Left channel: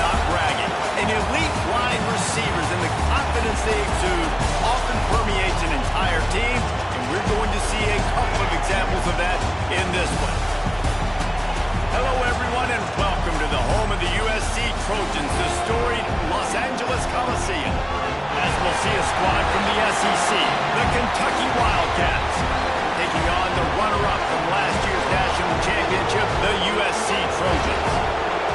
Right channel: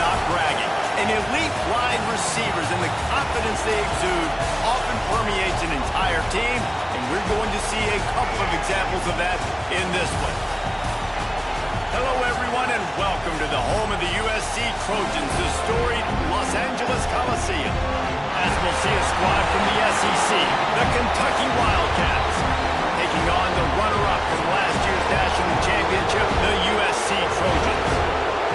not bragging. An elite wide receivers and the confidence they exude often permeates an entire team, and we're going to see a couple of examples of that in this one. Hello, everyone, and welcome to the home of the USC Trojans, the storied Los Angeles Coliseum. As we'll see a squad from the SEC, the Kentucky Wildcats, taking on the runner-up from last year's national championship, the USC Trojans.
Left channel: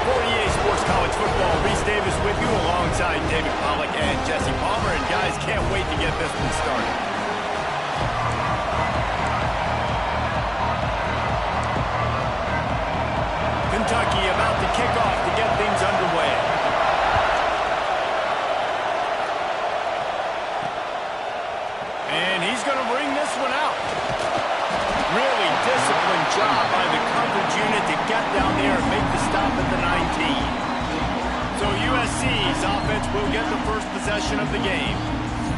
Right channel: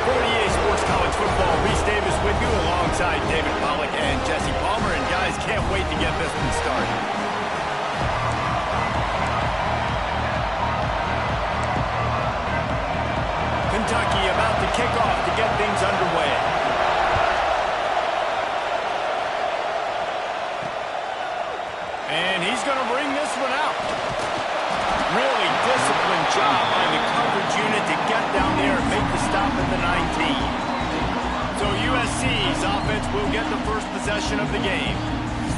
48 Sports College Football, Reese Davis with you alongside David Pollack and Jesse Palmer. And guys, can't wait to get this one started. Kentucky about to kick off to get things underway. And he's going to bring this one out. Really disciplined job by the coverage unit to get down there and make the stop at the 19. So USC's offense will get the first possession of the game.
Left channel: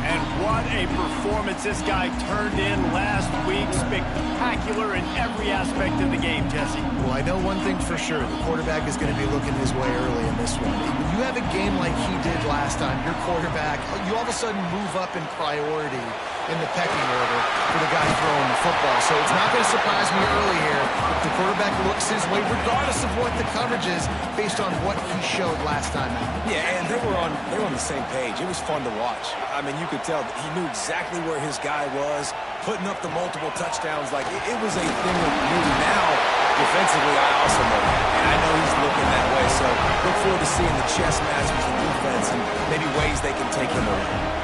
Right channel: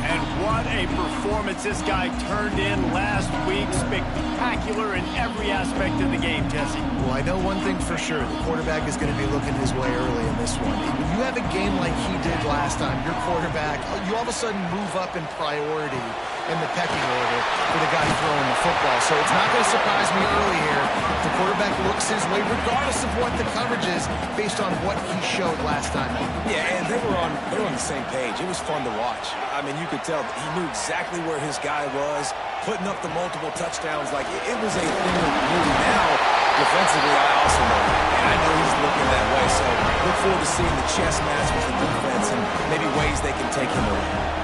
And what a performance this guy turned in last week. Spectacular in every aspect of the game, Jesse. Well, I know one thing for sure. The quarterback is going to be looking his way early in this one. When you have a game like he did last time, your quarterback, you all of a sudden move up in priority in the pecking order for the guy throwing the football. So it's not going to surprise me early here if the quarterback looks his way, regardless of what the coverage is, based on what he showed last time out. Yeah, and they were on the same page. It was fun to watch. I mean, you could tell that he knew exactly where his guy was, putting up the multiple touchdowns. Like, it was a thing of beauty. Now, defensively, I also know that, and I know he's looking that way. So look forward to seeing the chess match with the defense and maybe ways they can take him away.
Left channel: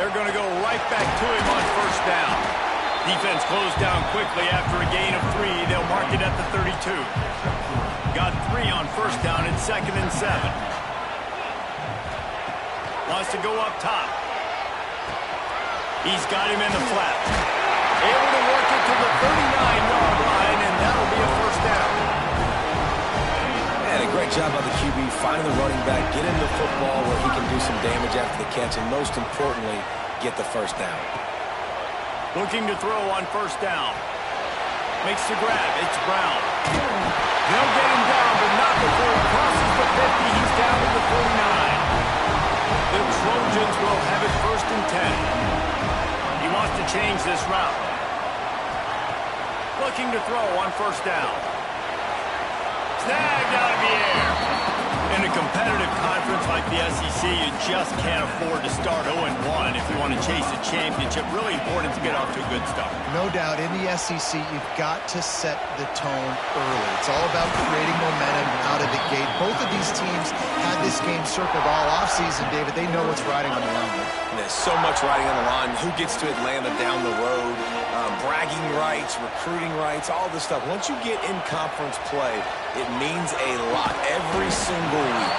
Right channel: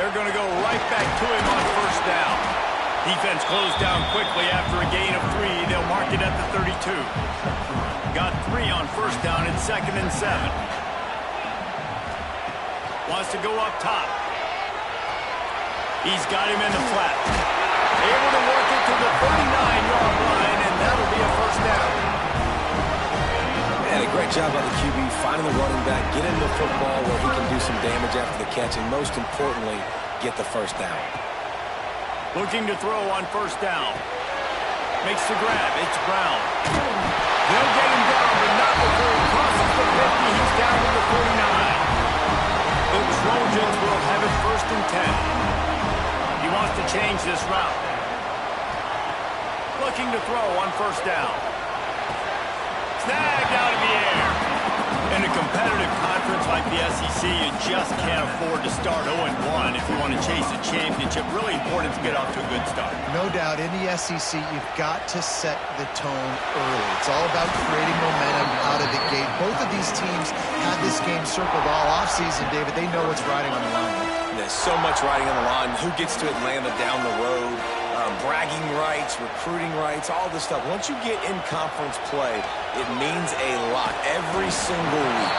They're going to go right back to him on first down. Defense closed down quickly after a gain of 3. They'll mark it at the 32. Got 3 on first down and 2nd and 7. Wants to go up top. He's got him in the flat. Able to work it to the 39-yard line, and that'll be a first down. And a great job by the QB finding the running back, get him the football where he can do some damage after the catch, and most importantly, get the first down. Looking to throw on first down. Makes the grab. It's Brown. They'll get him down, but not before he crosses the 50. He's down to the 49. The Trojans will have it 1st and 10. He wants to change this route. Looking to throw on first down. Snagged out of the air. In a competitive conference like the SEC, you just can't afford to start 0-1 if you want to chase a championship. Really important to get off to a good start. No doubt, in the SEC, you've got to set the tone early. It's all about creating momentum out of the gate. Both of these teams had this game circled all offseason, David. They know what's riding on the line. There's so much riding on the line. Who gets to Atlanta down the road? Bragging rights, recruiting rights, all this stuff. Once you get in conference play, it means a lot every single week.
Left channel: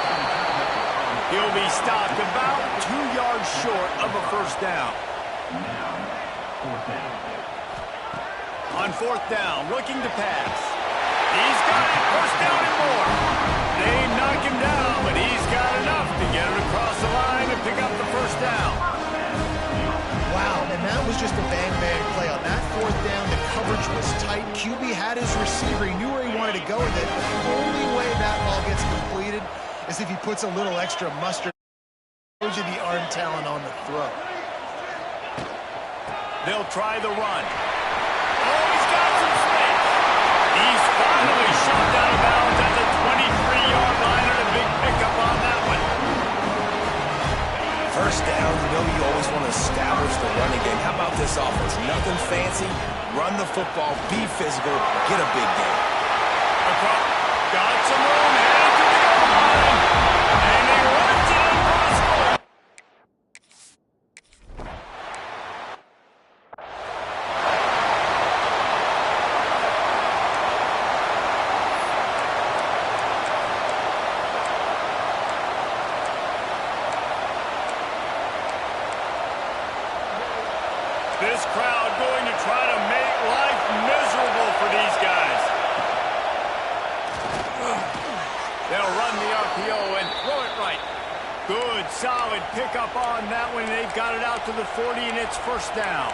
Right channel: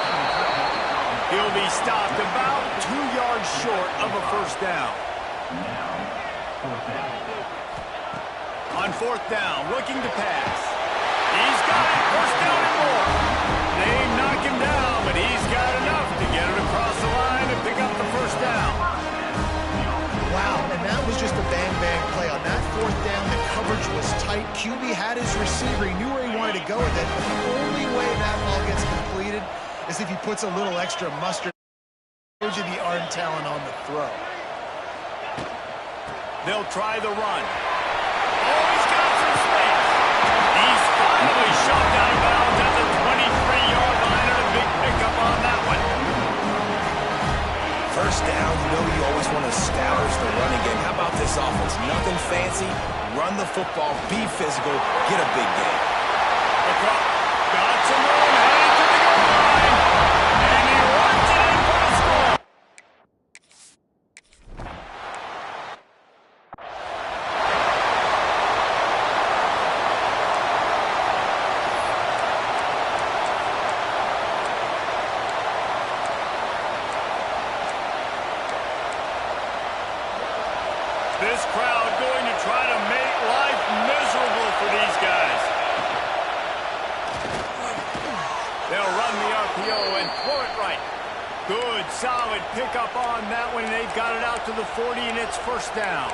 He'll be stopped about 2 yards short of a first down. On fourth down, looking to pass. He's got it, first down and more. They knock him down, but he's got enough to get it across the line and pick up the first down. Wow, and that was just a bang-bang play. On that fourth down, the coverage was tight. QB had his receiver. He knew where he wanted to go with it, but the only way that ball gets completed is if he puts a little extra mustard. Shows you the arm talent on the throw. They'll try the run. Oh, he's got some space. He's finally shoved out of bounds at the 23-yard line, and a big pickup on that one. First down, you know you always want to establish the running game. How about this offense? Nothing fancy. Run the football, be physical, get a big game. Across, got some room, headed to the goal line, and he runs it in for the score. This crowd going to try to make life miserable for these guys. They'll run the RPO and throw it right. Good, solid pickup on that one. They've got it out to the 40, and it's first down.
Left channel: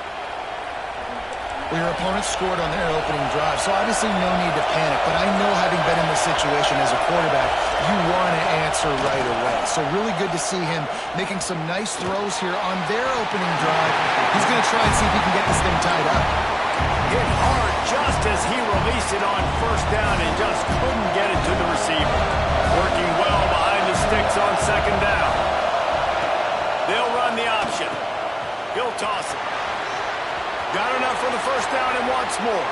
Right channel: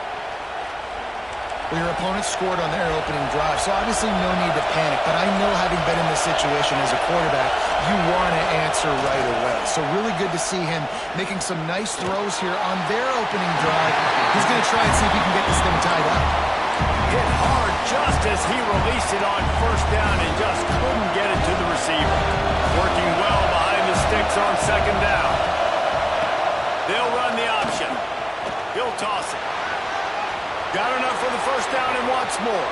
Well, your opponent scored on their opening drive, so obviously no need to panic. But I know, having been in this situation as a quarterback, you want to answer right away. So really good to see him making some nice throws here on their opening drive. He's going to try and see if he can get this thing tied up. Hit hard just as he released it on first down and just couldn't get it to the receiver. Working well behind the sticks on second down. They'll run the option. He'll toss it. Got enough for the first down and wants more.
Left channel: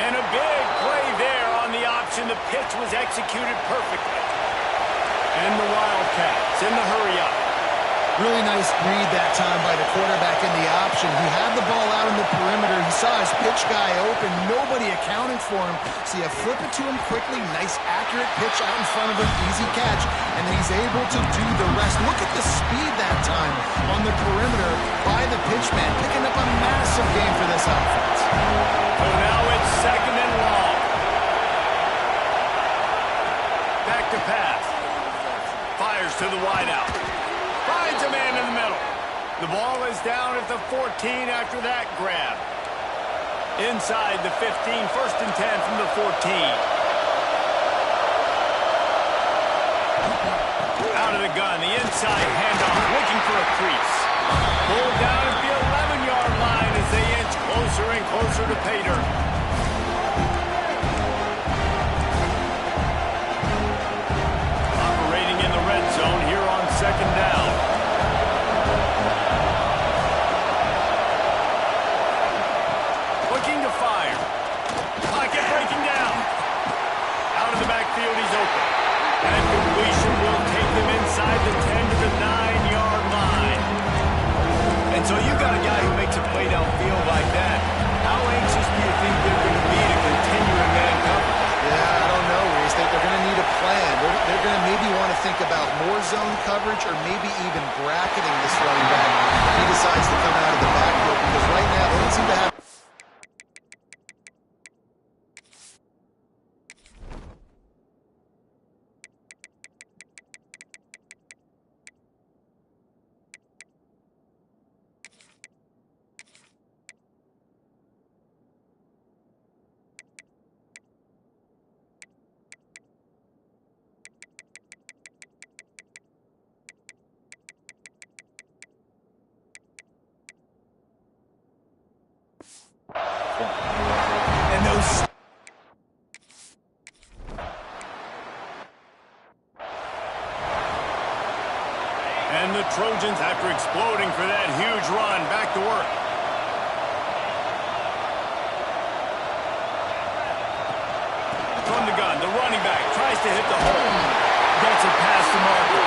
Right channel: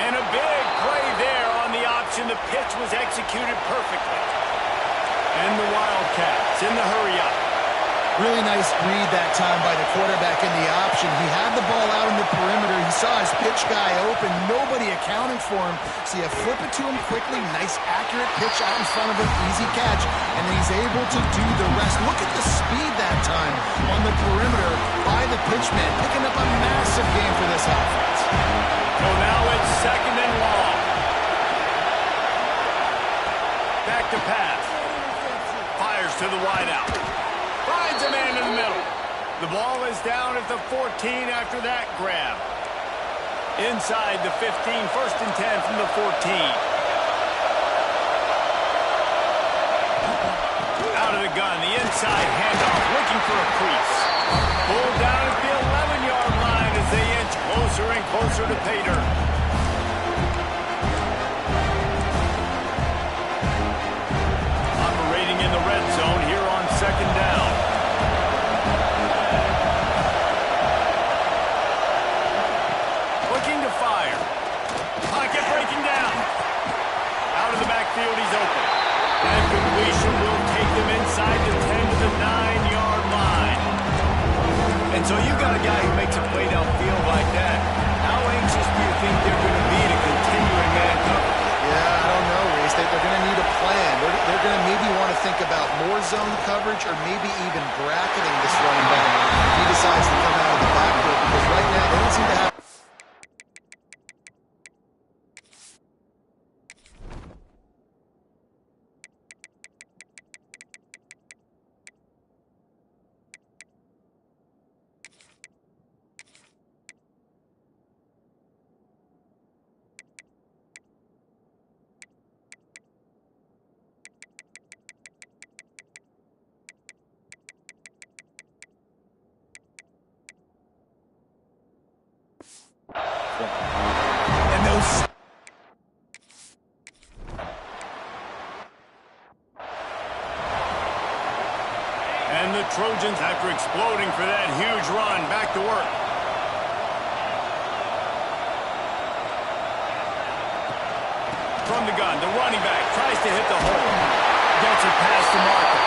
And a big play there on the option. The pitch was executed perfectly. And the Wildcats in the hurry-up. Really nice read that time by the quarterback in the option. He had the ball out in the perimeter. He saw his pitch guy open. Nobody accounting for him. So you flip it to him quickly. Nice, accurate pitch out in front of him. Easy catch. And then he's able to do the rest. Look at the speed that time on the perimeter by the pitchman. Picking up a massive game for this offense. So now it's second and long. Back to pass. Fires to the wideout. Finds a man in the middle. The ball is down at the 14 after that grab. Inside the 15, first and 10 from the 14. Out of the gun, the inside handoff, looking for a crease. Pulled down at the 11-yard line as they inch closer and closer to pay dirt. Operating in the red zone here on second down. Looking to fire. Pocket breaking down. Out of the backfield, he's open. And completion will take them inside the 10 to the 9-yard line. And so you got a guy who makes a play downfield like that. How anxious do you think they're going to be to continue in man coverage? Yeah, I don't know, Reese. They're going to need a plan. They're going to maybe want to think about more zone coverage or maybe even bracketing this running back if he decides to come out of the backfield, because right now they don't seem to have... And those... And the Trojans, after exploding for that huge run, back to work. From the gun, the running back tries to hit the hole. Gets it past the marker.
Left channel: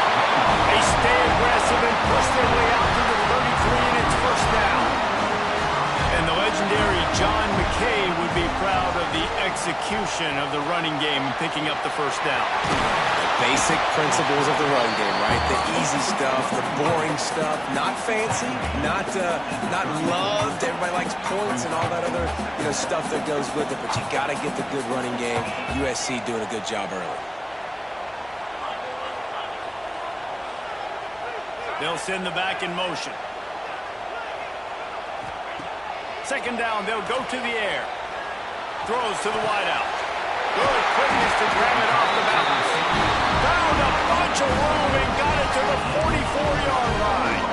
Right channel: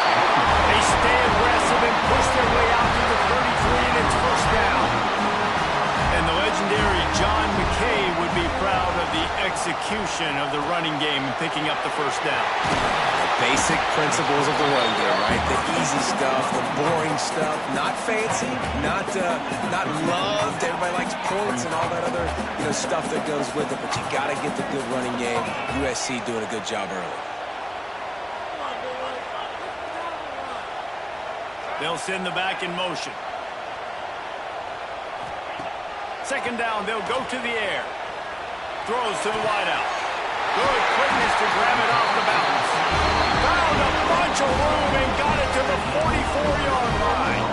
They stay aggressive and push their way out to the 33, and it's first down. And the legendary John McKay would be proud of the execution of the running game and picking up the first down. The basic principles of the run game, right? The easy stuff, the boring stuff, not fancy, not loved. Everybody likes points and all that other stuff that goes with it. But you got to get the good running game. USC doing a good job early. They'll send the back in motion. Second down, they'll go to the air. Throws to the wideout. Good quickness to grab it off the bounce. Found a bunch of room and got it to the 44-yard line.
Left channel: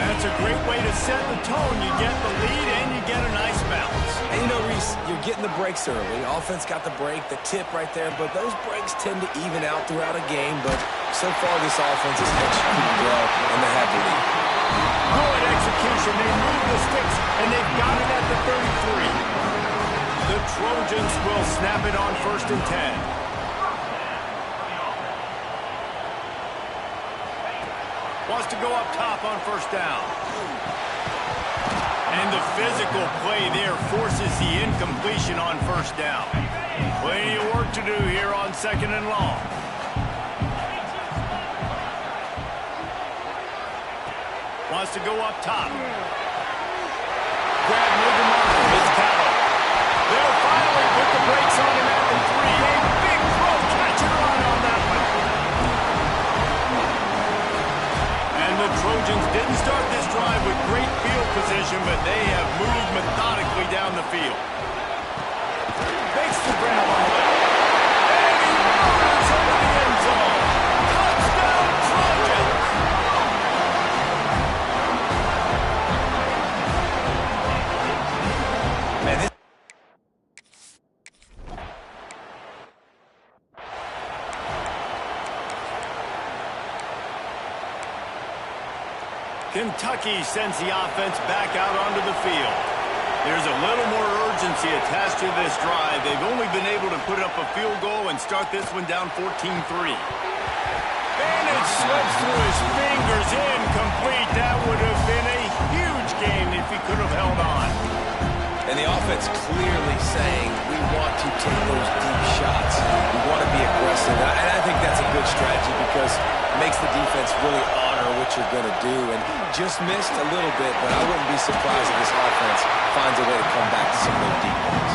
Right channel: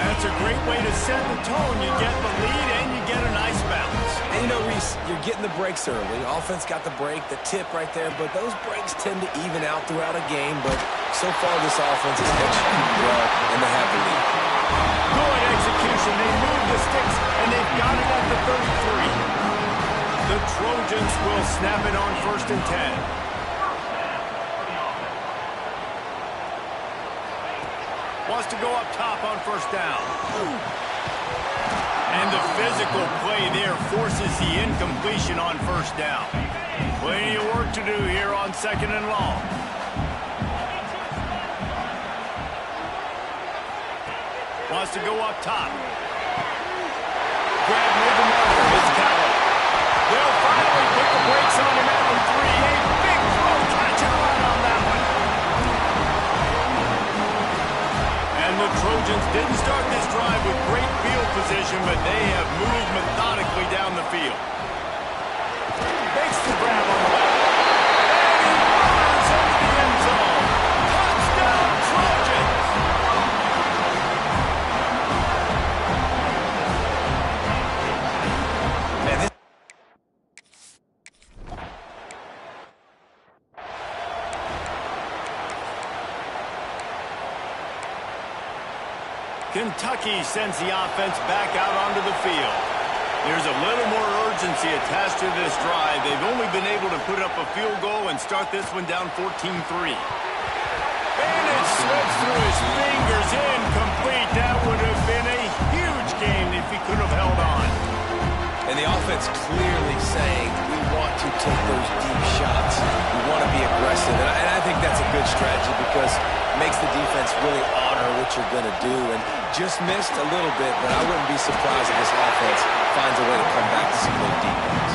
That's a great way to set the tone. You get the lead and you get a nice bounce. And Reese, you're getting the breaks early. Offense got the break, the tip right there, but those breaks tend to even out throughout a game. But so far, this offense is executing well, and they have the lead. Good execution. They move the sticks, and they've got it at the 33. The Trojans will snap it on first and 10. Wants to go up top on first down. And the physical play there forces the incompletion on first down. Plenty of work to do here on second and long. Wants to go up top. Grab near the marker. It's Callaway. They'll finally put the brakes on him at the 3. A big throw, catch and run on that one. And the Trojans Trojans didn't start this drive with great field position, but they have moved methodically down the field. Makes the grab on the left. And he murders into the end zone. Touchdown, Trojans! Man, this Kentucky sends the offense back out onto the field. There's a little more urgency attached to this drive. They've only been able to put up a field goal and start this one down 14-3. And it slips through his fingers, incomplete. That would have been a huge gain if he could have held on. And the offense clearly saying, we want to take those deep shots. We want to be aggressive. And I think that's a good strategy because it makes the defense really honor what you're going to do. And just missed a little bit, but I wouldn't be surprised if this offense finds a way to come back to some of those deep ones.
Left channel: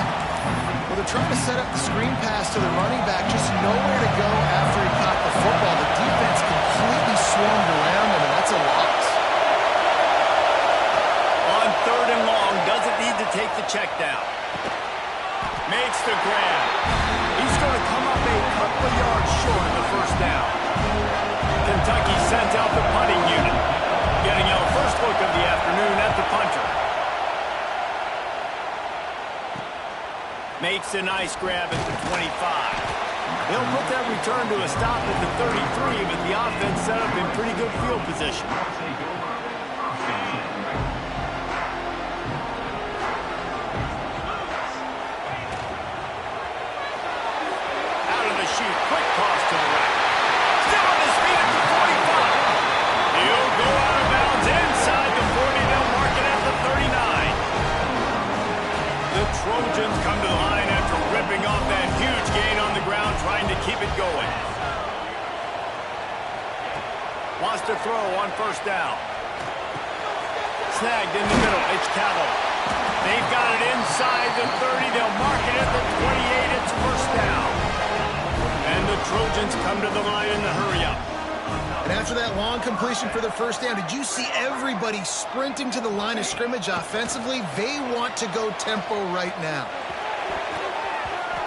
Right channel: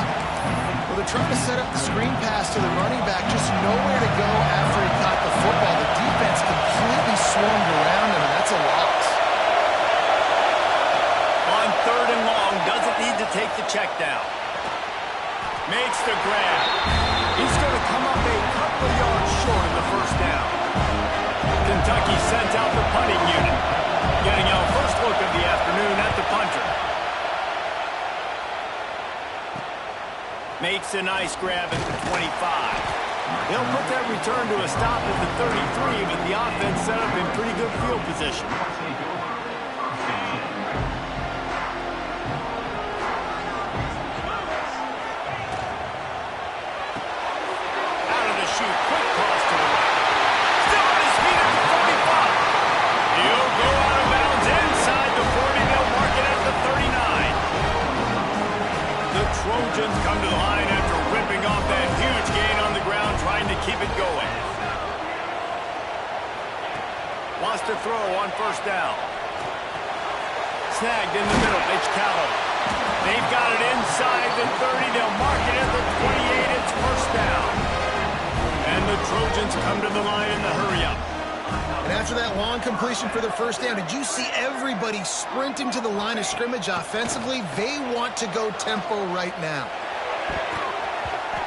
Well, they're trying to set up the screen pass to the running back, just nowhere to go after he caught the football. The defense completely swarmed around him, and that's a loss. On 3rd and long, doesn't need to take the check down. Makes the grab. He's going to come up a couple of yards short of the first down. Kentucky sends out the punting unit. Getting our first look of the afternoon at the punter. Makes a nice grab at the 25. They'll put that return to a stop at the 33, but the offense set up in pretty good field position. Out of the chute, quick toss to the right. Still on his feet at the 45. He'll go out of bounds inside the 40. They'll mark it at the 39. The Trojans come to the line after ripping off that huge gain on the ground, trying to keep it going. Wants to throw on first down. Snagged in the middle. It's Callow. They've got it inside the 30. They'll mark it at the 28. It's first down. And the Trojans come to the line in the hurry-up. And after that long completion for the first down, did you see everybody sprinting to the line of scrimmage offensively? They want to go tempo right now.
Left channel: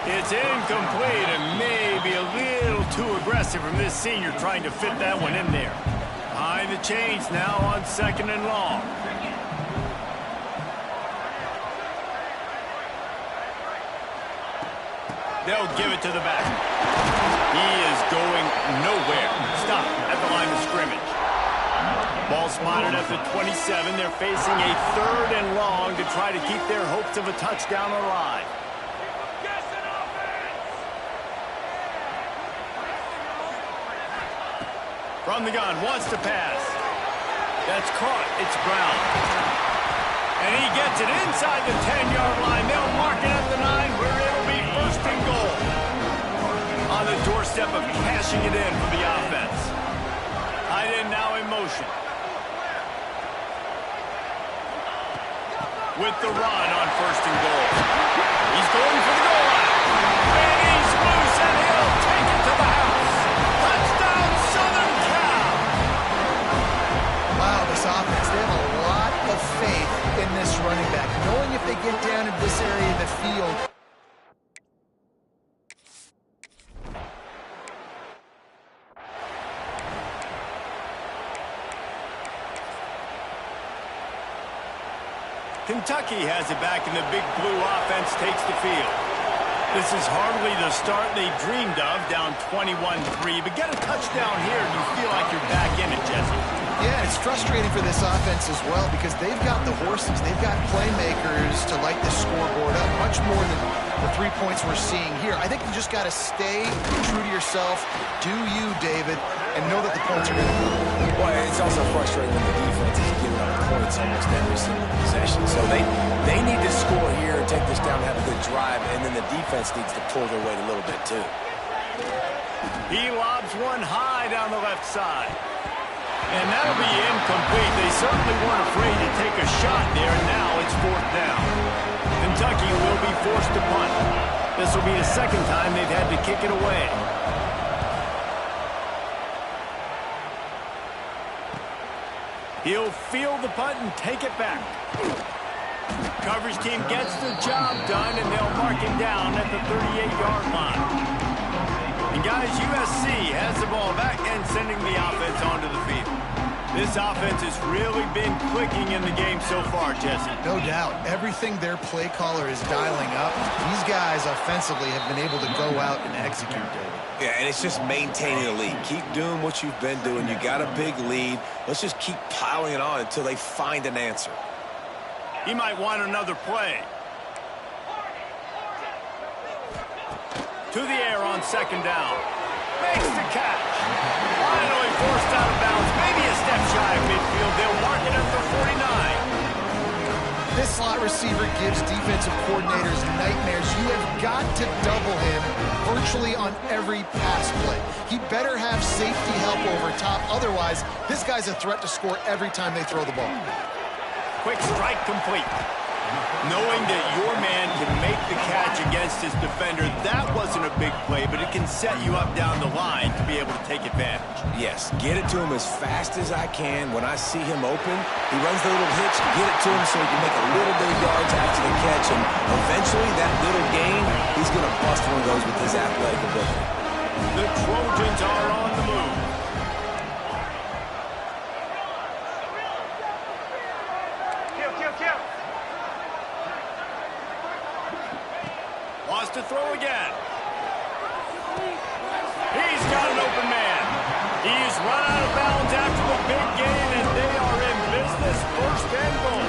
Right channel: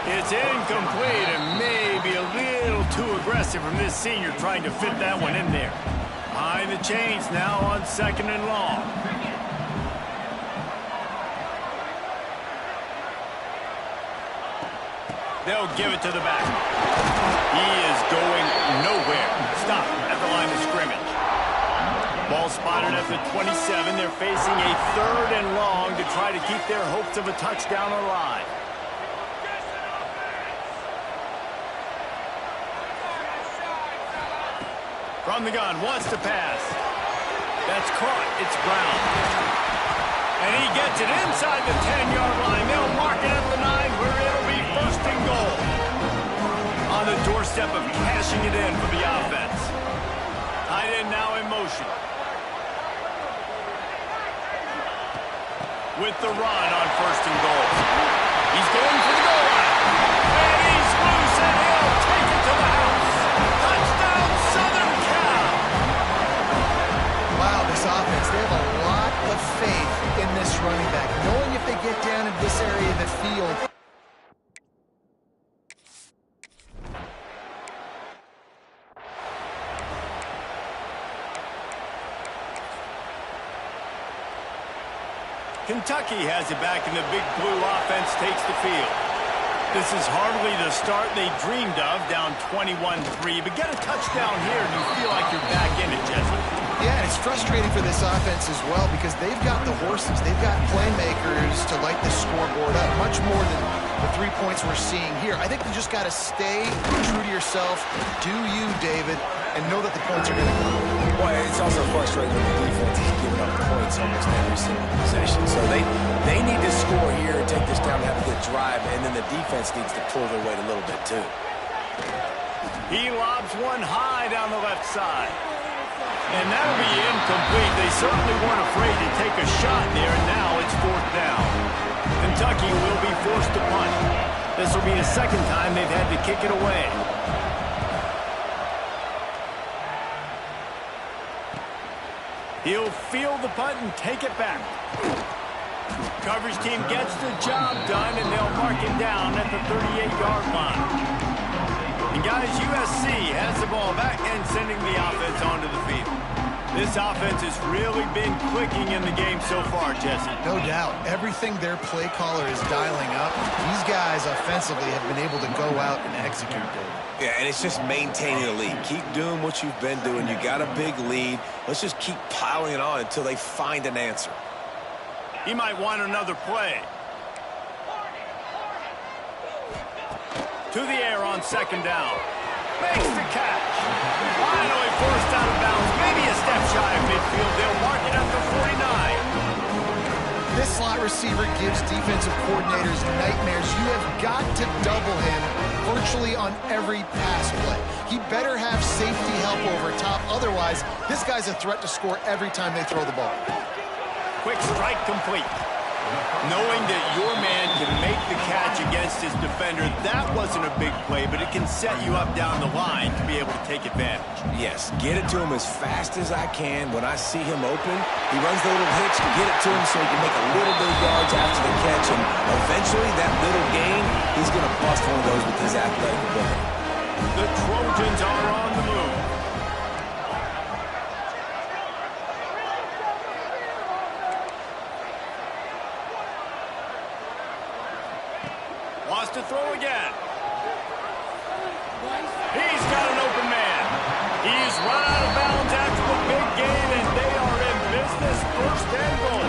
It's incomplete and maybe a little too aggressive from this senior trying to fit that one in there. Behind the chains now on 2nd and long. They'll give it to the back. He is going nowhere. Stop at the line of scrimmage. Ball spotted at the 27. They're facing a 3rd and long to try to keep their hopes of a touchdown alive. From the gun, wants to pass. That's caught. It's Brown. And he gets it inside the 10-yard line. They'll mark it at the 9 where it'll be 1st and goal. On the doorstep of cashing it in for the offense. Tight end now in motion. With the run on 1st and goal. He's going for the goal line. And he's loose and he'll take it to the house. Touchdown, Southern Cal. Wow, this offense, they have a lot of faith in this running back, knowing if they get down in this area of the field. Kentucky has it back, and the big blue offense takes the field. This is hardly the start they dreamed of, down 21-3. But get a touchdown here, and you feel like you're back in it, Jesse. Yeah, it's frustrating for this offense as well because they've got the horses. They've got playmakers to light the scoreboard up, much more than the 3 points we're seeing here. I think you just got to stay true to yourself, do you, David, and know that the points are going to come. Well, it's also frustrating when the defense is giving up points almost every single possession. So they need to score here and take this down and have a good drive, and then the defense needs to pull their weight a little bit too. He lobs one high down the left side. And that'll be incomplete. They certainly weren't afraid to take a shot there, and now it's 4th down. Kentucky will be forced to punt. This will be the 2nd time they've had to kick it away. He'll field the punt and take it back. Coverage team gets the job done, and they'll mark him down at the 38-yard line. And guys, USC has the ball back and sending the offense onto the field. This offense has really been clicking in the game so far, Jesse. No doubt. Everything their play caller is dialing up, these guys offensively have been able to go out and execute it. Yeah, and it's just maintaining the lead. Keep doing what you've been doing. You got a big lead. Let's just keep piling it on until they find an answer. He might want another play. To the air on second down. Makes the catch. Finally forced out of bounds. Maybe a step shy of midfield. They'll mark it at the 49. This slot receiver gives defensive coordinators nightmares. You have got to double him virtually on every pass play. He better have safety help over top. Otherwise, this guy's a threat to score every time they throw the ball. Quick strike complete. Knowing that your man can make the catch against his defender, that wasn't a big play, but it can set you up down the line to be able to take advantage. Yes, get it to him as fast as I can. When I see him open, he runs the little hitch to get it to him so he can make a little bit of yards after the catch, and eventually that little gain, he's going to bust one of those with his athletic ability. The Trojans are on the move. Wants to throw again. He's got an open man. He's run out of bounds after the big gain, and they are in business. First and goal.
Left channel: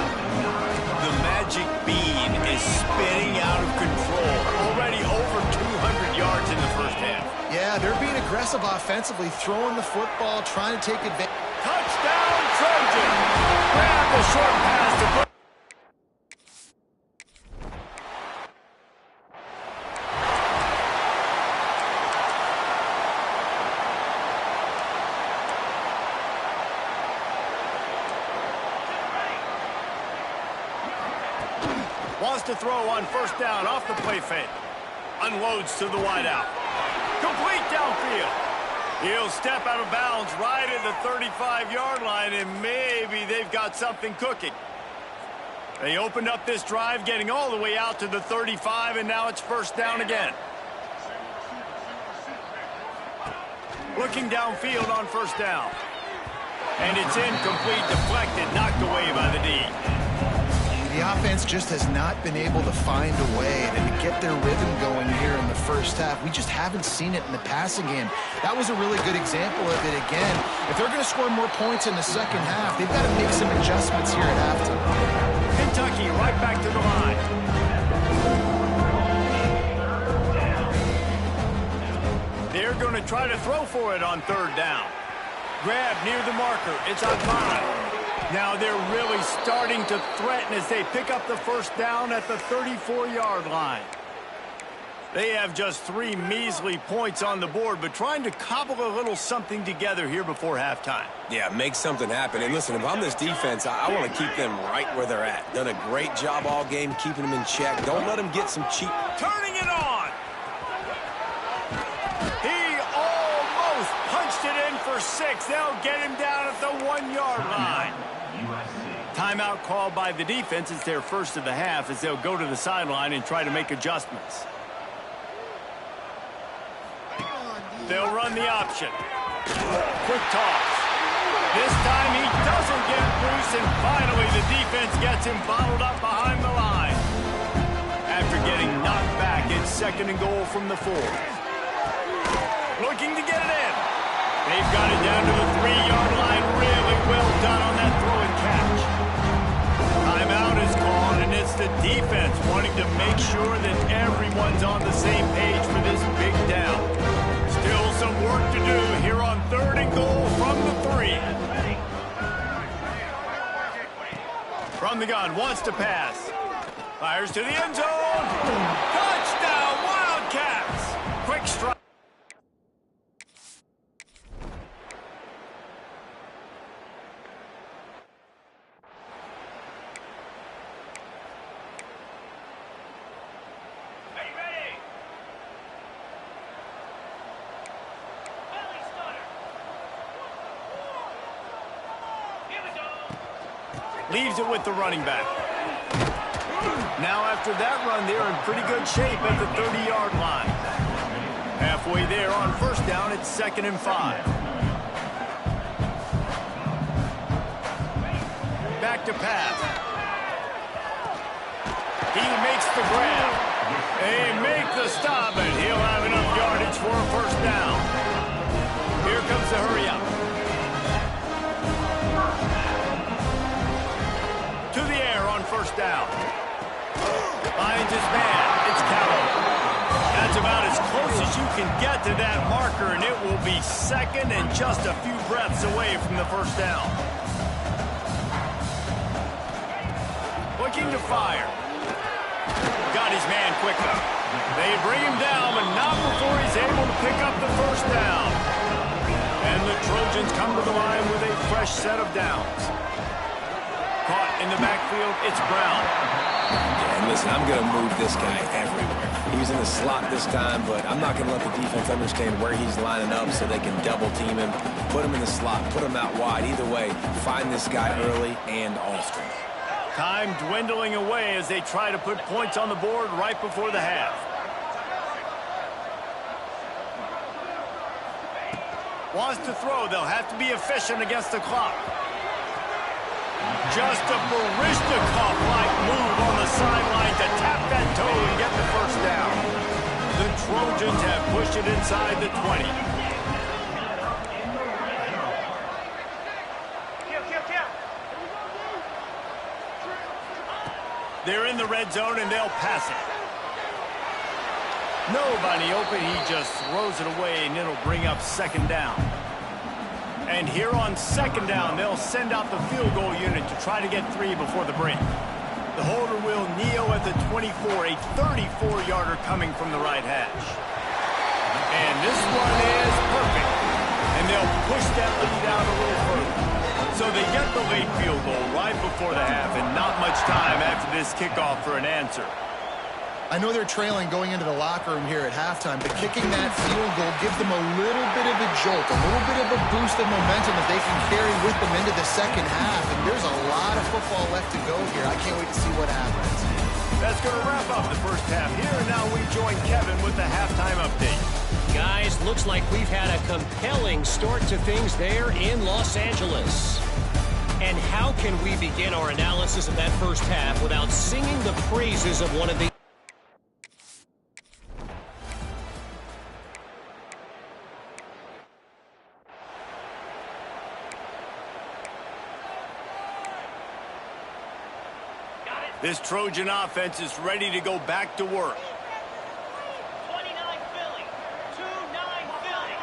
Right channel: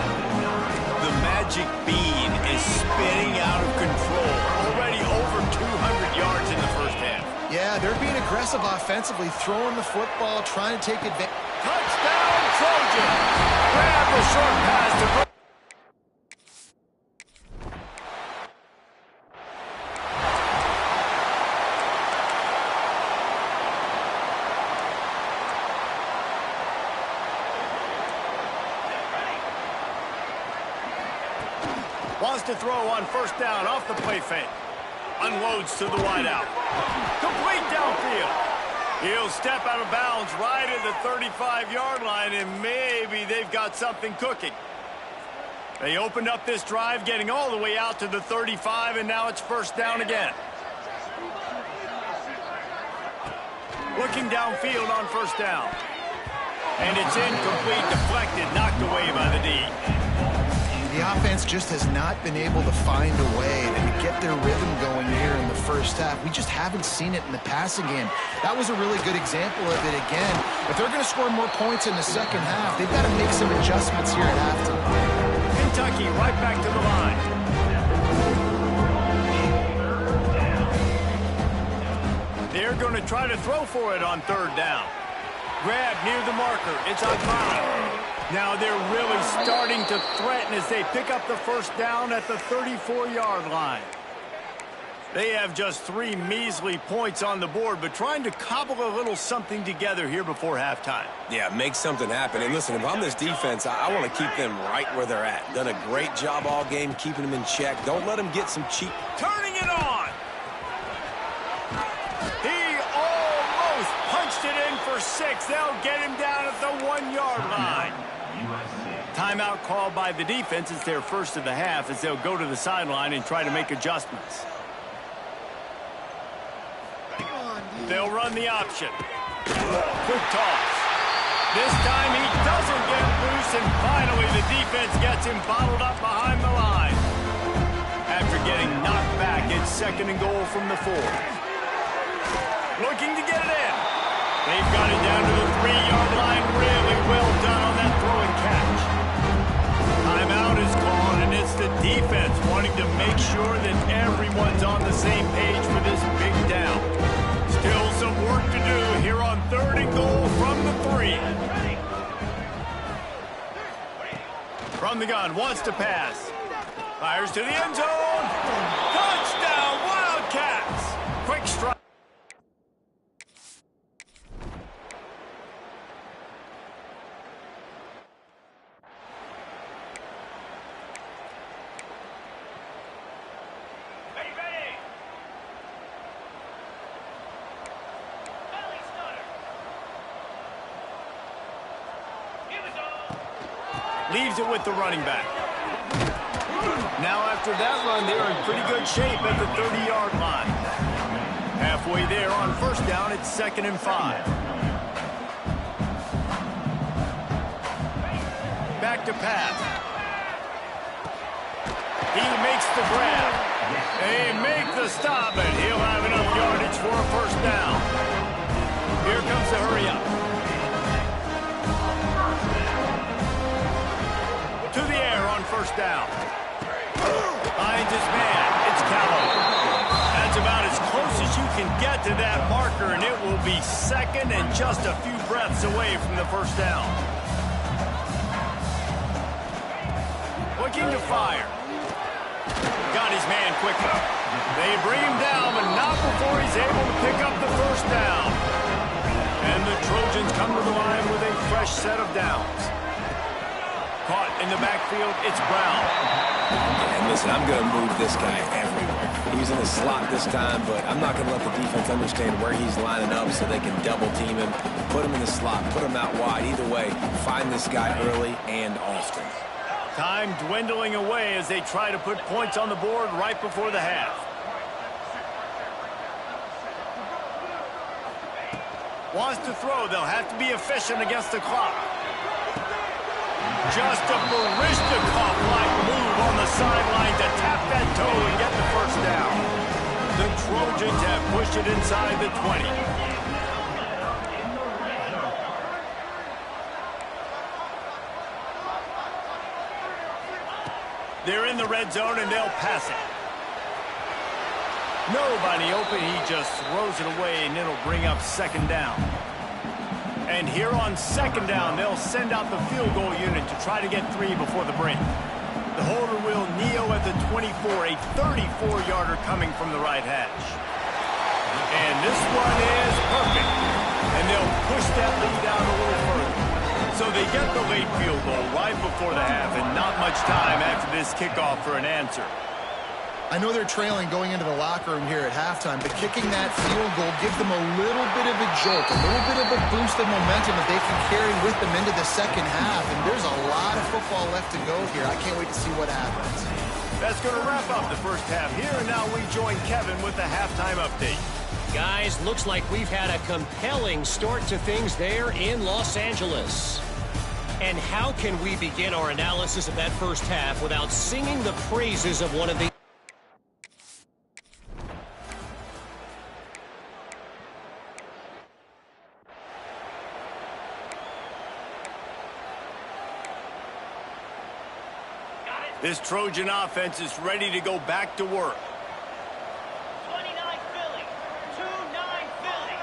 The magic bean is spinning out of control. Already over 200 yards in the first half. Yeah, they're being aggressive offensively, throwing the football, trying to take advantage. Touchdown, Trojan. Grab the short pass to put. Wants to throw on first down off the play fake. Unloads to the wideout. Complete downfield. He'll step out of bounds right at the 35-yard line, and maybe they've got something cooking. They opened up this drive, getting all the way out to the 35, and now it's first down again. Looking downfield on first down. And it's incomplete, deflected, knocked away by the D. The offense just has not been able to find a way to get their rhythm going here in the first half. We just haven't seen it in the passing game. That was a really good example of it again. If they're going to score more points in the second half, they've got to make some adjustments here at halftime. Kentucky right back to the line. They're going to try to throw for it on third down. Grab near the marker. It's Agbana. Now they're really starting to threaten as they pick up the first down at the 34-yard line. They have just 3 measly points on the board, but trying to cobble a little something together here before halftime. Yeah, make something happen. And listen, if I'm this defense, I want to keep them right where they're at. Done a great job all game keeping them in check. Don't let them get some cheap. Turning it on. He almost punched it in for 6. They'll get him down at the 1-yard line. Timeout called by the defense. It's their first of the half as they'll go to the sideline and try to make adjustments. They'll run the option. Quick toss. This time he doesn't get loose, and finally the defense gets him bottled up behind the line. After getting knocked back, it's second and goal from the 4. Looking to get it in. They've got it down to the 3-yard line. Really well done on that throw and catch. Timeout is called, and it's the defense wanting to make sure that everyone's on the same page for this big down. Still some work to do here on third and goal from the 3. From the gun, wants to pass. Fires to the end zone. Touchdown, Wildcats. Quick strike. Leaves it with the running back. Now after that run, they're in pretty good shape at the 30-yard line. Halfway there on first down, it's 2nd and 5. Back to pass. He makes the grab. They make the stop, and he'll have enough yardage for a first down. Here comes the hurry up. To the air on first down. Finds his man. It's Callow. That's about as close as you can get to that marker, and it will be 2nd and just a few breaths away from the first down. Looking to fire. Got his man quickly. They bring him down, but not before he's able to pick up the first down. And the Trojans come to the line with a fresh set of downs. Caught in the backfield, it's Brown. Yeah, and listen, I'm going to move this guy everywhere. He's in the slot this time, but I'm not going to let the defense understand where he's lining up so they can double team him, put him in the slot, put him out wide. Either way, find this guy early and often. Time dwindling away as they try to put points on the board right before the half. Wants to throw. They'll have to be efficient against the clock. Just a Baryshnikov-like move on the sideline to tap that toe and get the first down. The Trojans have pushed it inside the 20. They're in the red zone, and they'll pass it. Nobody open. He just throws it away, and it'll bring up 2nd down. And here on 2nd down, they'll send out the field goal unit to try to get 3 before the break. The holder will kneel at the 24, a 34-yarder coming from the right hash. And this one is perfect. And they'll push that lead out a little further. So they get the late field goal right before the half, and not much time after this kickoff for an answer. I know they're trailing going into the locker room here at halftime, but kicking that field goal gives them a little bit of a jolt, a little bit of a boost of momentum that they can carry with them into the second half. And there's a lot of football left to go here. I can't wait to see what happens. That's going to wrap up the first half here, and now we join Kevin with the halftime update. Guys, looks like we've had a compelling start to things there in Los Angeles. And how can we begin our analysis of that first half without singing the praises of one of the... This Trojan offense is ready to go back to work. 29 Philly, 2-9 Philly.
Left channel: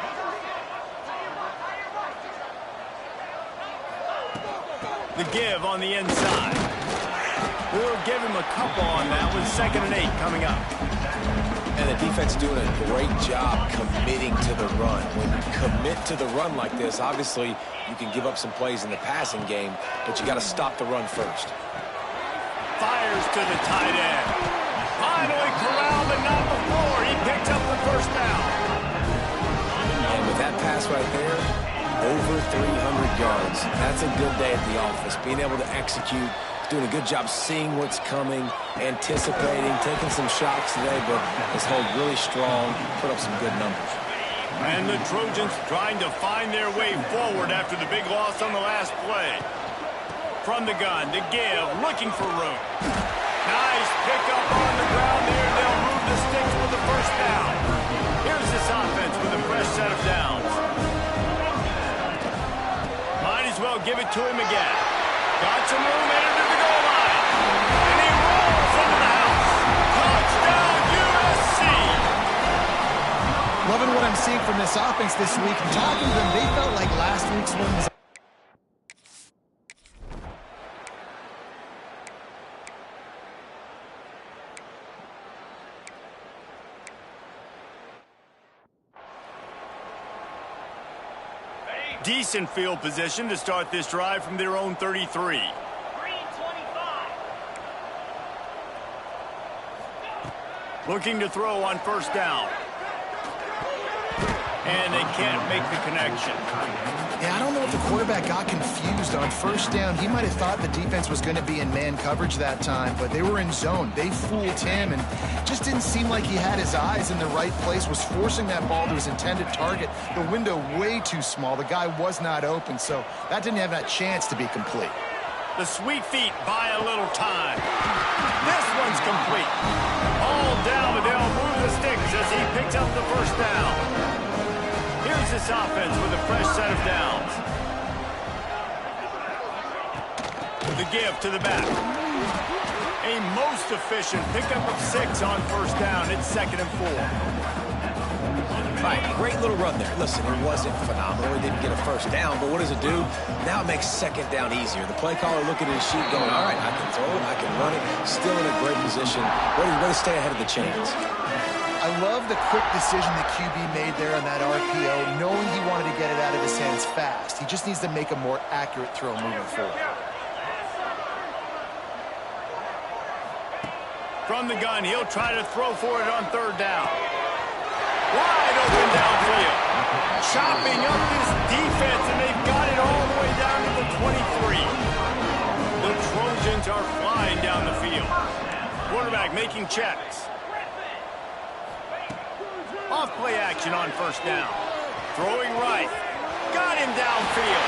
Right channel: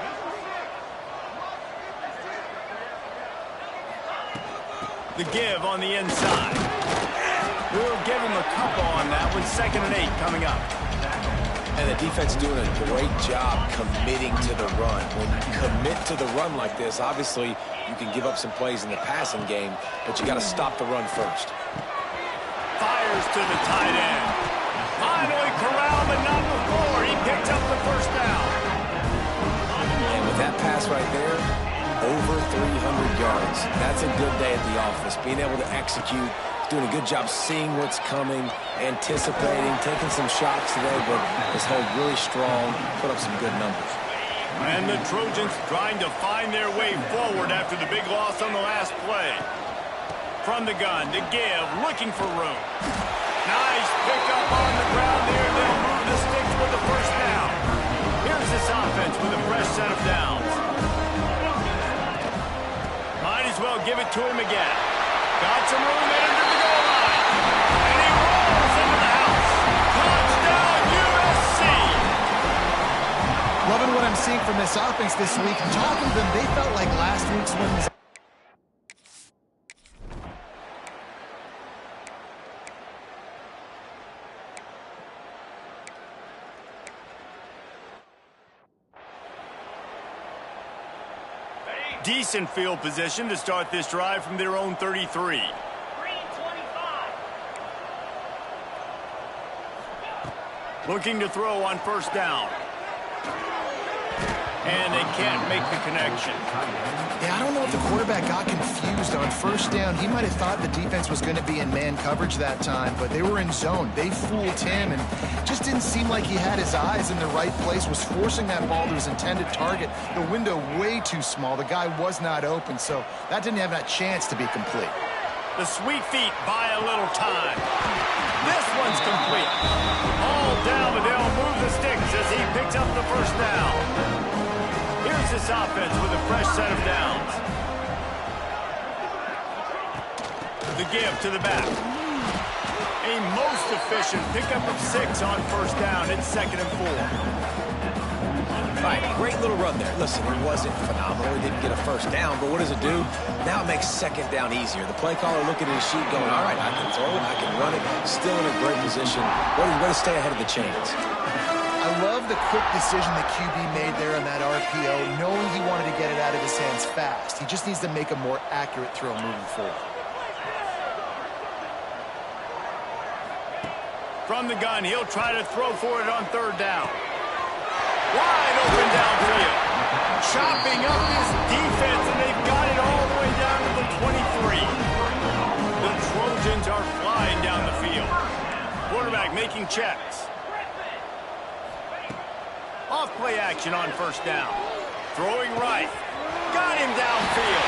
The give on the inside. We'll give him a couple on that with 2nd and 8 coming up. And the defense doing a great job committing to the run. When you commit to the run like this, obviously you can give up some plays in the passing game, but you got to stop the run first. Fires to the tight end. Finally corralled, but not before. He picked up the first down. And with that pass right there, over 300 yards. That's a good day at the office. Being able to execute, doing a good job seeing what's coming, anticipating, taking some shots today, but has held really strong, put up some good numbers. And the Trojans trying to find their way forward after the big loss on the last play. From the gun, to give, looking for room. Nice pickup on the ground there. They'll move the sticks with the first down. Here's this offense with a fresh set of downs. Might as well give it to him again. Got some room, entered to the goal line. And he rolls into the house. Touchdown, USC! Loving what I'm seeing from this offense this week. Talking to them, they felt like last week's win was... Decent field position to start this drive from their own 33. Green 25. Looking to throw on first down. and they can't make the connection. Yeah, I don't know if the quarterback got confused on first down. He might have thought the defense was going to be in man coverage that time, but they were in zone. They fooled him and just didn't seem like he had his eyes in the right place, was forcing that ball to his intended target. The window way too small. The guy was not open, so that didn't have that chance to be complete. The sweet feet buy a little time. This one's complete. All down, but they'll move the sticks as he picks up the first down. Here's this offense with a fresh set of downs. The give to the back. A most efficient pickup of 6 on first down. It's 2nd and 4. All right, great little run there. Listen, it wasn't phenomenal. He didn't get a first down, but what does it do? Now it makes 2nd down easier. The play caller looking at his sheet going, all right, I can throw it, I can run it. Still in a great position. Way to stay ahead of the chains. I love the quick decision that QB made there on that RPO, knowing he wanted to get it out of his hands fast. He just needs to make a more accurate throw moving forward. From the gun, he'll try to throw for it on 3rd down. Wide open downfield. Chopping up this defense, and they've got it all the way down to the 23. The Trojans are flying down the field. Quarterback making checks. Off play action on first down. Throwing right. Got him downfield.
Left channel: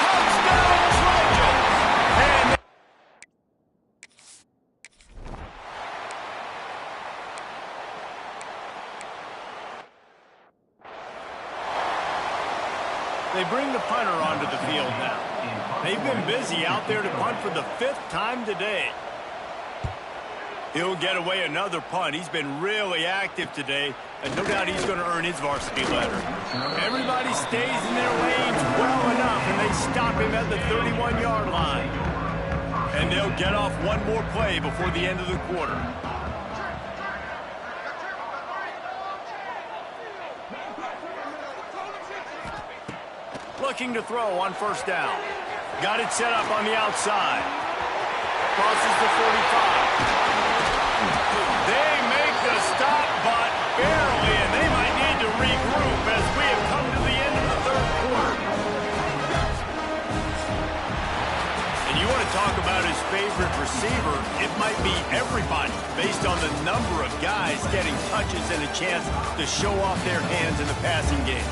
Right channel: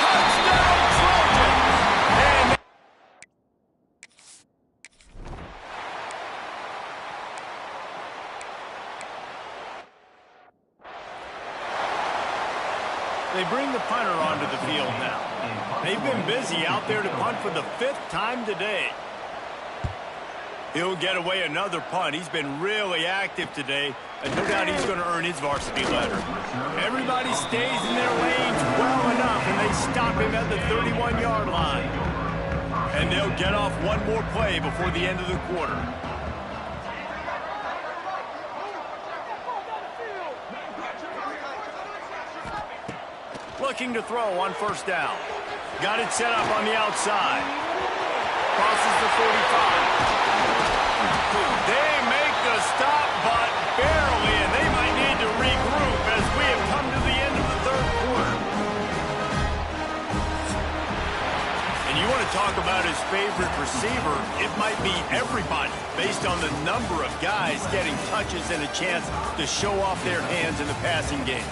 Touchdown Trojans! And they bring the punter onto the field now. They've been busy out there to punt for the 5th time today. He'll get away another punt. He's been really active today, and no doubt he's going to earn his varsity letter. Everybody stays in their lanes well enough, and they stop him at the 31-yard line. And they'll get off one more play before the end of the quarter. Looking to throw on first down. Got it set up on the outside. Crosses the 45. They make the stop, but barely, and they might need to regroup as we have come to the end of the 3rd quarter. And you want to talk about his favorite receiver, it might be everybody, based on the number of guys getting touches and a chance to show off their hands in the passing game.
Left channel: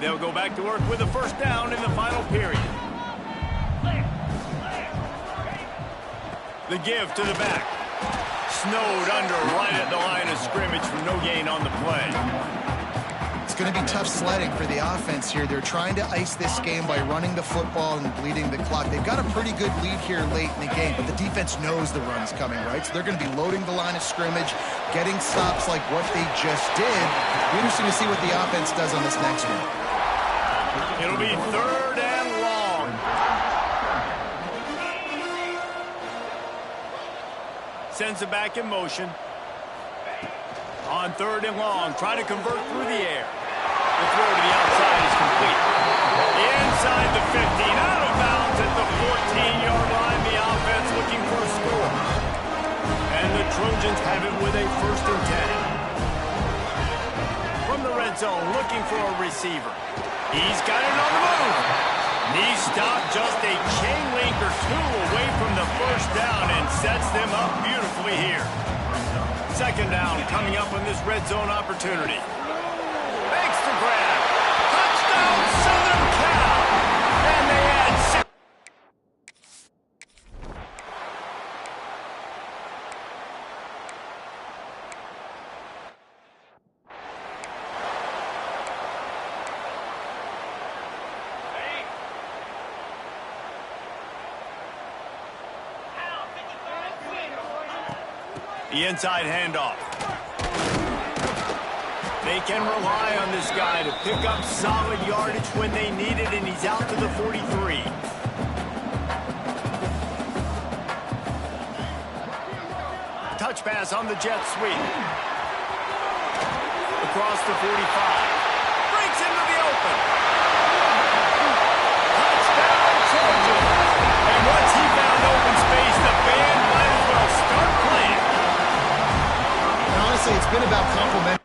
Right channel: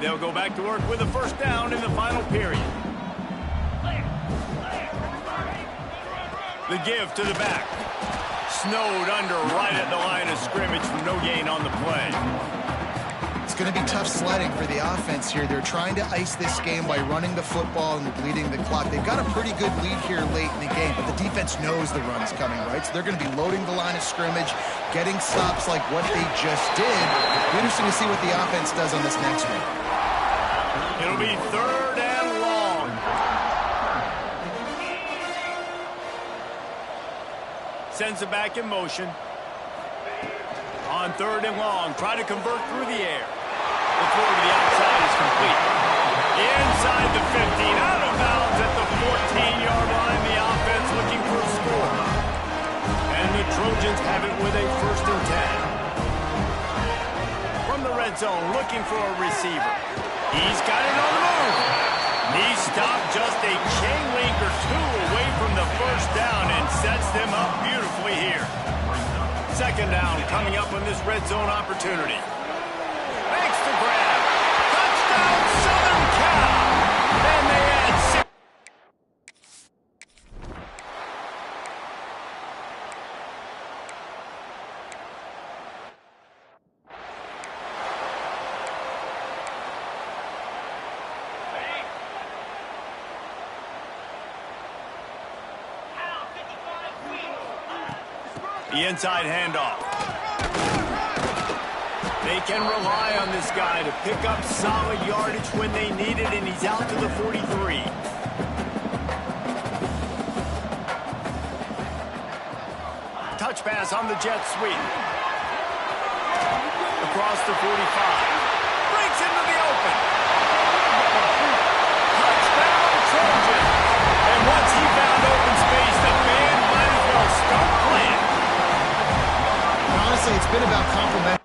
They'll go back to work with a first down in the final period. The give to the back. Snowed under right at the line of scrimmage for no gain on the play. It's going to be tough sledding for the offense here. They're trying to ice this game by running the football and bleeding the clock. They've got a pretty good lead here late in the game, but the defense knows the run's coming, right? So they're going to be loading the line of scrimmage, getting stops like what they just did. It'll be interesting to see what the offense does on this next one. It'll be 3rd and long. Sends it back in motion. On 3rd and long, try to convert through the air. The throw to the outside is complete. Inside the 15, out of bounds at the 14-yard line. The offense looking for a score. And the Trojans have it with a 1st and 10. From the red zone, looking for a receiver. He's got it on the move. He stopped just a chain link or 2 away from the first down and sets them up beautifully here. 2nd down coming up on this red zone opportunity. Makes the grab. Touchdown Southern Cal. And they add 6. The inside handoff. They can rely on this guy to pick up solid yardage when they need it, and he's out to the 43. Touch pass on the jet sweep. Across the 45. Breaks into the open. Touchdown Trojans. And once he honestly, it's been about complementing.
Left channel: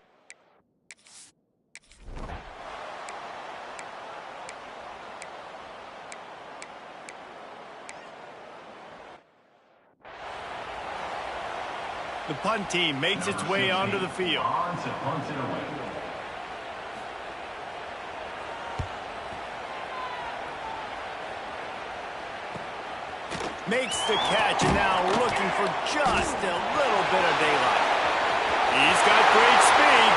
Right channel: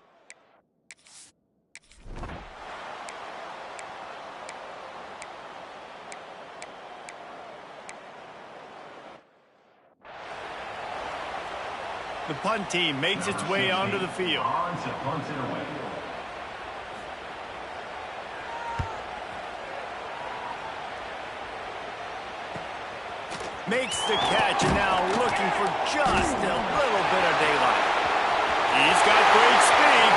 The punt team makes its way onto the field. Makes the catch, and now looking for just a little bit of daylight. He's got great speed.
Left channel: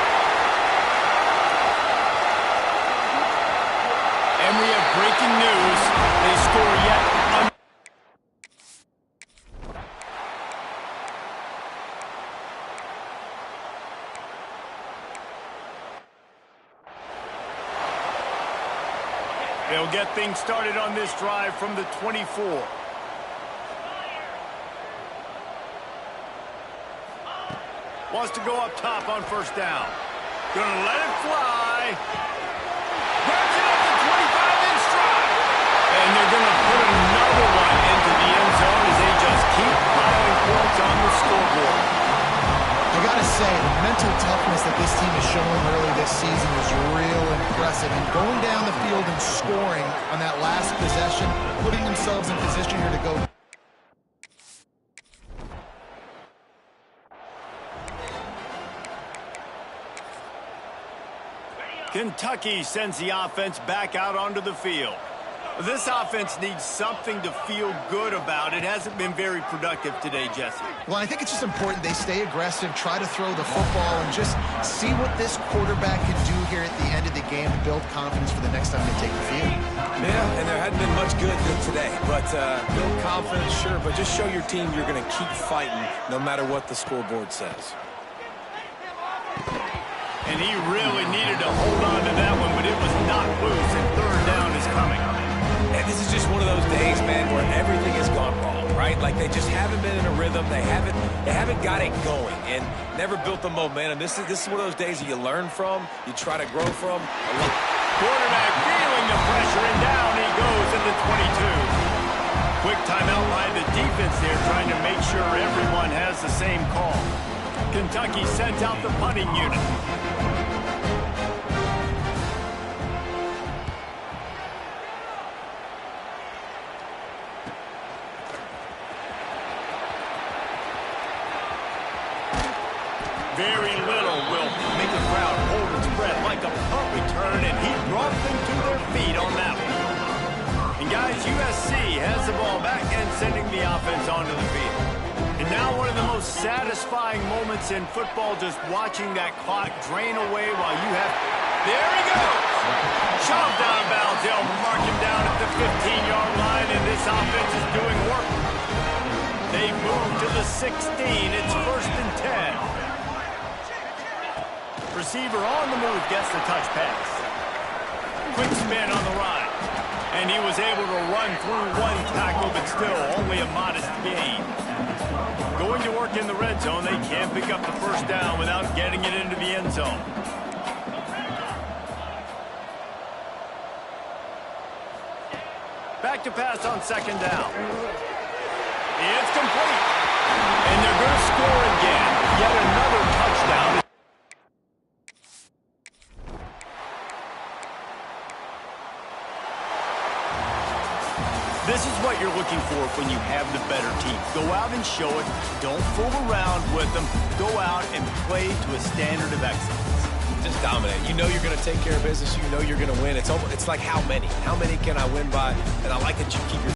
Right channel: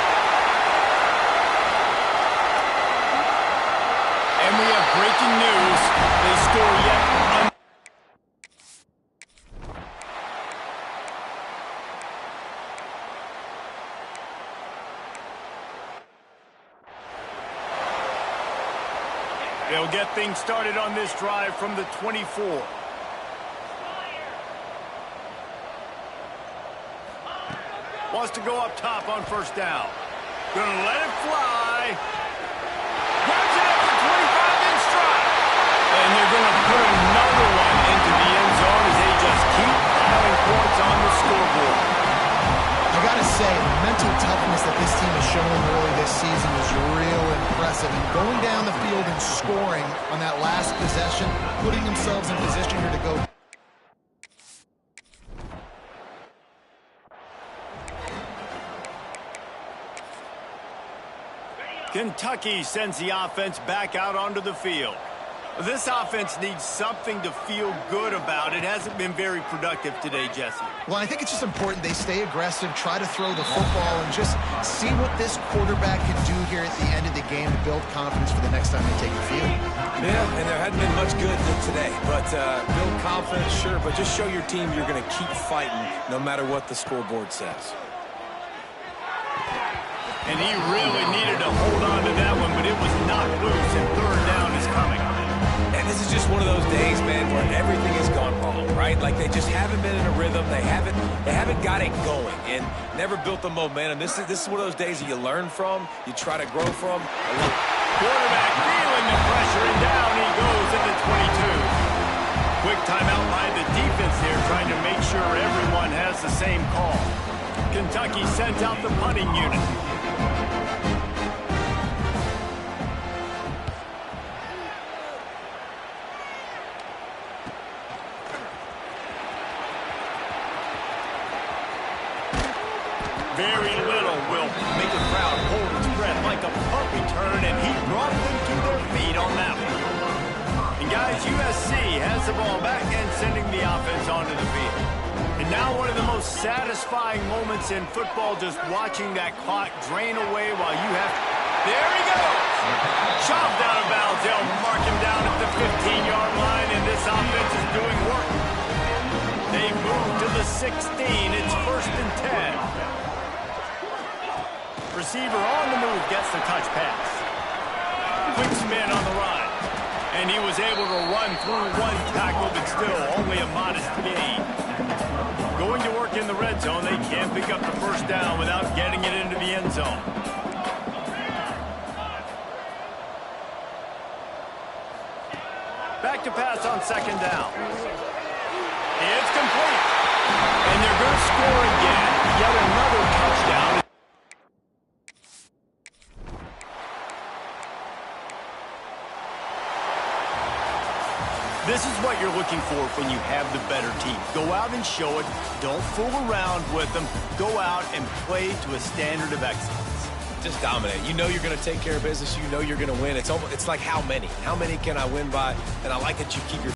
And we have breaking news. They score yet another. They'll get things started on this drive from the 24. Wants to go up top on first down. Gonna let it fly. Grabs it up to 25 in stride. And they're gonna put another one into the end zone as they just keep piling points on the scoreboard. I gotta say, the mental toughness that this team is showing early this season is real impressive. And going down the field and scoring on that last possession, putting themselves in position here to go. Kentucky sends the offense back out onto the field. This offense needs something to feel good about. It hasn't been very productive today, Jesse. Well, I think it's just important they stay aggressive, try to throw the football, and just see what this quarterback can do here at the end of the game to build confidence for the next time they take the field. Yeah, and there hadn't been much good today. But build confidence, sure, but just show your team you're going to keep fighting no matter what the scoreboard says. And he really needed to hold on to that one, but it was knocked loose, and third down is coming. And this is just one of those days, man, where everything has gone wrong, right? Like they just haven't been in a rhythm. They haven't got it going and never built the momentum. This is one of those days that you learn from, you try to grow from. Quarterback feeling the pressure, and down he goes at the 22. Quick timeout by the defense there, trying to make sure everyone has the same call. Kentucky sends out the punting unit. Very little will make the crowd hold its breath like a punt return, and he brought them to their feet on that one. And guys, USC has the ball back and sending the offense onto the field. And now one of the most satisfying moments in football, just watching that clock drain away while you have... There he goes! Shoved out of bounds. They'll mark him down at the 15-yard line, and this offense is doing work. They move to the 16. It's 1st and 10. Receiver on the move gets the touch pass. Quick spin on the run. And he was able to run through one tackle, but still only a modest gain. Going to work in the red zone, they can't pick up the first down without getting it into the end zone. Back to pass on 2nd down. It's complete. And they're going to score again. Yet another touchdown. This is what you're looking for when you have the better team. Go out and show it. Don't fool around with them. Go out and play to a standard of excellence. Just dominate. You know you're going to take care of business. You know you're going to win. It's like how many? How many can I win by? And I like that you keep your